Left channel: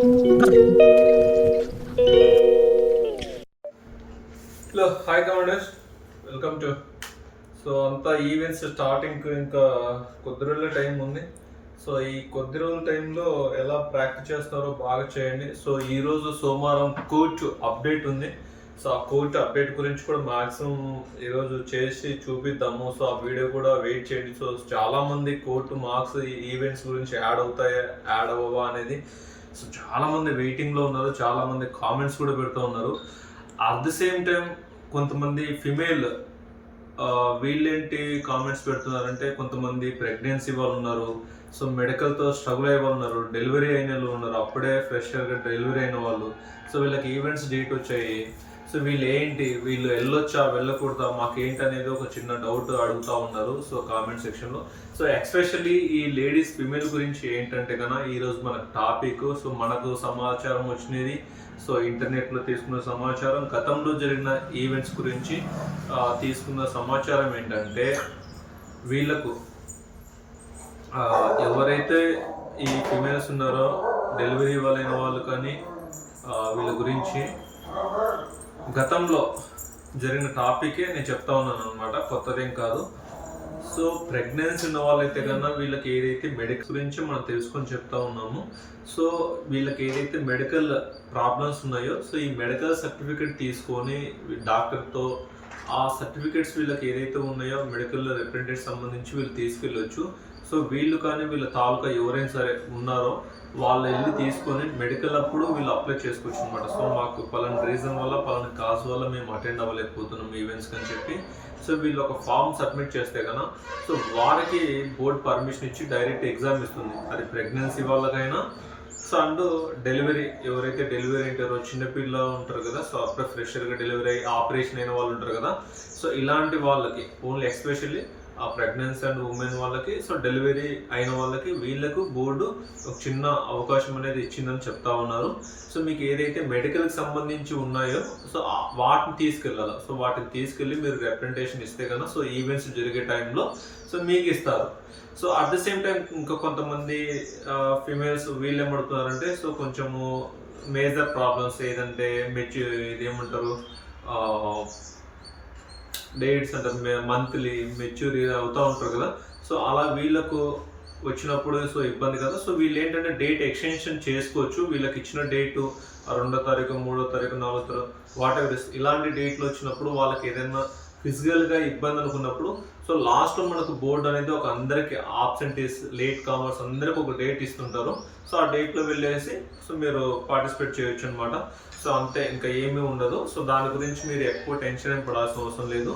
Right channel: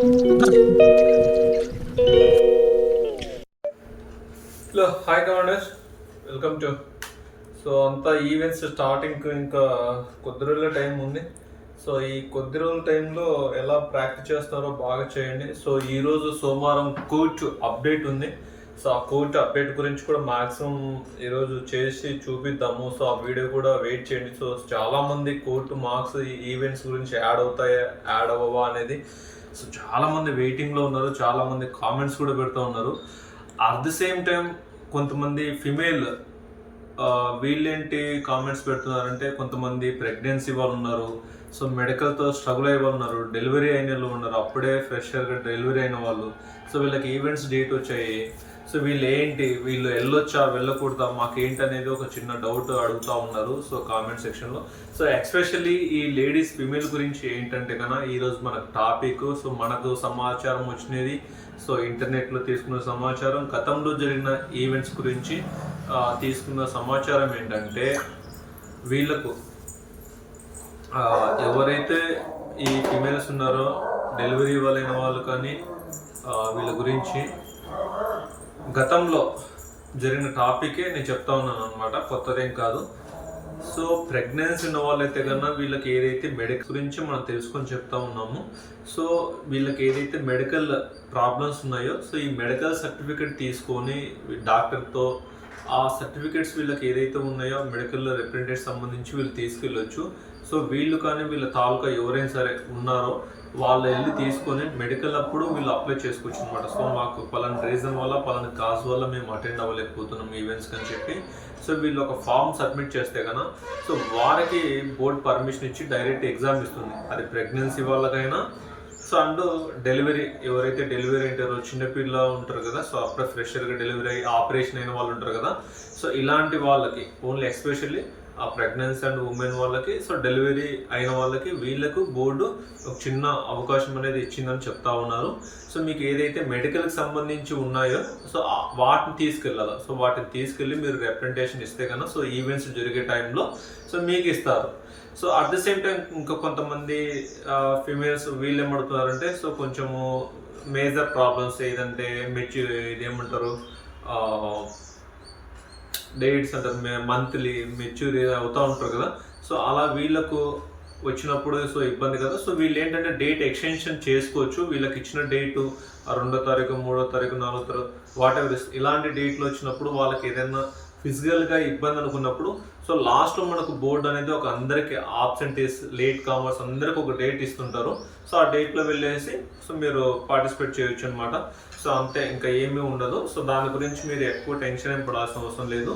Hello hi commanders, welcome to. So అంతా events starting ఇంకా కొద్ది రోజుల టైం ఉంది. సో ఈ కొద్ది రోజుల టైంలో ఎలా ప్రాక్టీస్ చేస్తారో బాగా చేయండి. సో ఈరోజు సోమవారం కోచ్ అప్డేట్ ఉంది. సో ఆ కోచ్ అప్డేట్ గురించి కూడా మ్యాక్సిమం ఈరోజు చేసి చూపిద్దాము. సో ఆ వీడియో కూడా వెయిట్ చేయండి. సో చాలామంది కోర్టు మార్క్స్ ఈవెంట్స్ గురించి యాడ్ అవుతాయా యాడ్ అవ్వవా అనేది సో చాలామంది వెయిటింగ్లో ఉన్నారు. చాలామంది కామెంట్స్ కూడా పెడుతూ ఉన్నారు. అట్ ది సేమ్ టైం కొంతమంది ఫిమేల్ వీళ్ళేంటి కామెంట్స్ పెడుతున్నారంటే, కొంతమంది ప్రెగ్నెన్సీ వాళ్ళు ఉన్నారు, సో మెడికల్తో స్ట్రగుల్ అయ్యే వాళ్ళు ఉన్నారు, డెలివరీ అయిన వాళ్ళు ఉన్నారు, అప్పుడే ఫ్రెషర్గా డెలివరీ అయిన వాళ్ళు. సో వీళ్ళకి ఈవెంట్స్ డేట్ వచ్చాయి. సో వీళ్ళు వెళ్ళొచ్చా వెళ్ళకూడదా మాకేంటి అనేది ఒక చిన్న డౌట్ అడుగుతూ ఉన్నారు సో కామెంట్ సెక్షన్లో. సో ఎక్స్పెషల్లీ ఈ లేడీస్ ఫిమేల్ గురించి ఏంటంటే కన్నా ఈరోజు మనకు టాపిక్. సో మనకు సమాచారం వచ్చినది, సో ఇంటర్నెట్లో తీసుకున్న సమాచారం, గతంలో జరిగిన ఈవెంట్స్ గురించి తీసుకున్న సమాచారం ఏంటంటే, వీళ్ళకు ఎవరైతే ఈ ఫిమేల్స్ ఉన్నారో డెలివరీ వాళ్ళైన వాళ్ళు కానీ వీళ్ళ గురించి గతంలో జరిగిన టాపికే నేను చెప్తా ఉన్నాను అనమాట, కొత్తదేం కాదు. సో ప్రెగ్నెన్సీ ఉన్న వాళ్ళైతే కన్నా వీళ్ళకి ఏదైతే మెడికల్ గురించి మనం తెలుసుకొని చెప్తా ఉన్నాము. సో వీళ్ళకి ఏదైతే మెడికల్ ప్రాబ్లమ్స్ ఉన్నాయో, సో ఈ మెడికల్ సర్టిఫికేట్ తీసుకొని డాక్టర్తో ఆ సర్టిఫికేట్స్ వీళ్ళకి ఏదైతే ఉన్నాయో మెడికల్ రిప్రజెంటేటివ్ సంబంధించి వీళ్ళు తీసుకెళ్ళొచ్చు. సో వీళ్ళు కానీ వీళ్ళ తాలూకా ఎవరైనా సరే ఉన్నారో వాళ్ళు వెళ్ళి తీసుకొని మెడికల్ అప్పుడు వీళ్ళు అప్లై చేసుకోవచ్చు అనమాట. సో మాకు పలానా రీజన్ వల్ల పలానా కాజ్ వల్ల మేము అటెండ్ అవ్వలేకపోతున్నాం ఈవెంట్స్కి అని చెప్పి సో వీళ్ళు ఒక ఫామ్ సబ్మిట్ చేస్తే కన్నా సో వారికి బోర్డ్ పర్మిషన్ ఇచ్చి డైరెక్ట్ ఎగ్జామ్ ఇస్తుంది. అది ప్రెగ్నెన్సీ వాళ్ళకైనా సో అండ్ డెలివరీ ఎవరైతే డెలివరీ అంటారో చిన్నపిల్ల ఉంటారు కదా, సో అప్పుడే ఫ్రెషర్గా డెలివరీ అయ్యి ఆపరేషన్ అయిన వాళ్ళు ఉంటారు కదా, సో ఇలాంటి వాళ్ళకి ఓన్లీ ఎస్పెషల్లీ ఆ ప్రెగ్నెన్సీ అండ్ ఉమెన్ వాళ్ళకి, సో డెలివరీ అయిన వాళ్ళకి వీళ్ళకు బోర్డు ఒక చిన్న అవకాశం అనేది ఇచ్చిందని చెప్తా ఉన్నారు. సో మీకు ఏదైతే మెడికల్కి సంబంధించి ఉన్నాయో సో వాటిని తీసుకెళ్ళాలి. సో వాటిని తీసుకెళ్ళి మీరు రిప్రజెంటేషన్ ఇస్తే కన్నా సో ఈవెంట్స్ జరిగే టైంలో సో మీకు ఇస్తారు. So at the same time ఇంకా కొంతమంది ఫిమేల్స్ వీళ్ళు ఏమడుతున్నారంటే, సో కొంచెము మేజర్ ప్రాబ్లమ్స్ ఏదంటే ఇదేమంటారు డేట్స్ అంటారు, మంత్లీ మెచ్యూర్ అవుతూ ఉంటారు కదా, సో అలా వీళ్ళకు వచ్చినప్పుడు సో ఇబ్బంది కదా. సో వీళ్ళు ఏంటంటే డేట్ ఎక్స్టెన్షన్ చేసుకోవచ్చు. వీళ్ళకి ఇచ్చిన డేటు 2వ తారీఖు 3వ తారీఖు 4వ తారీఖు వాటెవర్ ఇలాంటి డేట్లు వచ్చినప్పుడు వాళ్ళకి ఏదైనా ఫిజికల్గా ఇబ్బంది అనుకున్నప్పుడు సో లాస్ట్లో మనకు బోర్డు అనేది ఒక అందరికి ఆబ్సెంటీస్ లేట్ కామర్స్ అందరికి ఒక డేట్ ఇస్తుంటారు. సో ఆ డేట్లో వెళ్ళేసి సో మీరు పార్టిసిపేట్ చేయొచ్చు అనమాట. సో అంతే, ఇంకా ఏమీ ఉండదు. సో దాని గురించి మీరు ఎక్కువ టెన్షన్ ఏం పడాల్సిన అవసరం లేదు.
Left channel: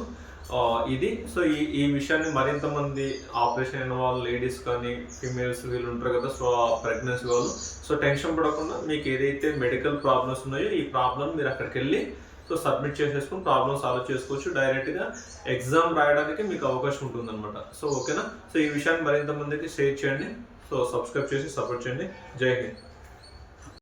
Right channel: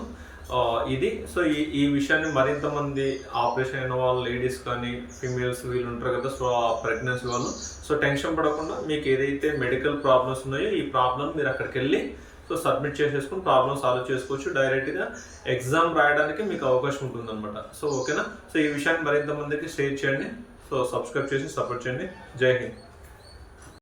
ఇది సో ఈ విషయాన్ని మరింత మంది ఆపరేషన్ అయిన వాళ్ళు లేడీస్ కానీ ఫీమేల్స్ వీళ్ళు ఉంటారు కదా, సో ఆ ప్రెగ్నెన్సీ వాళ్ళు సో టెన్షన్ పడకుండా మీకు ఏదైతే మెడికల్ ప్రాబ్లమ్స్ ఉన్నాయో ఈ ప్రాబ్లమ్ మీరు అక్కడికి వెళ్ళి సో సబ్మిట్ చేసేసుకుని ప్రాబ్లమ్ సాల్వ్ చేసుకోవచ్చు. డైరెక్ట్గా ఎగ్జామ్ రాయడానికి మీకు అవకాశం ఉంటుందన్నమాట. సో ఓకేనా. సో ఈ విషయాన్ని మరింత మందికి షేర్ చేయండి. సో సబ్స్క్రైబ్ చేసి సపోర్ట్ చేయండి. జై హింద్.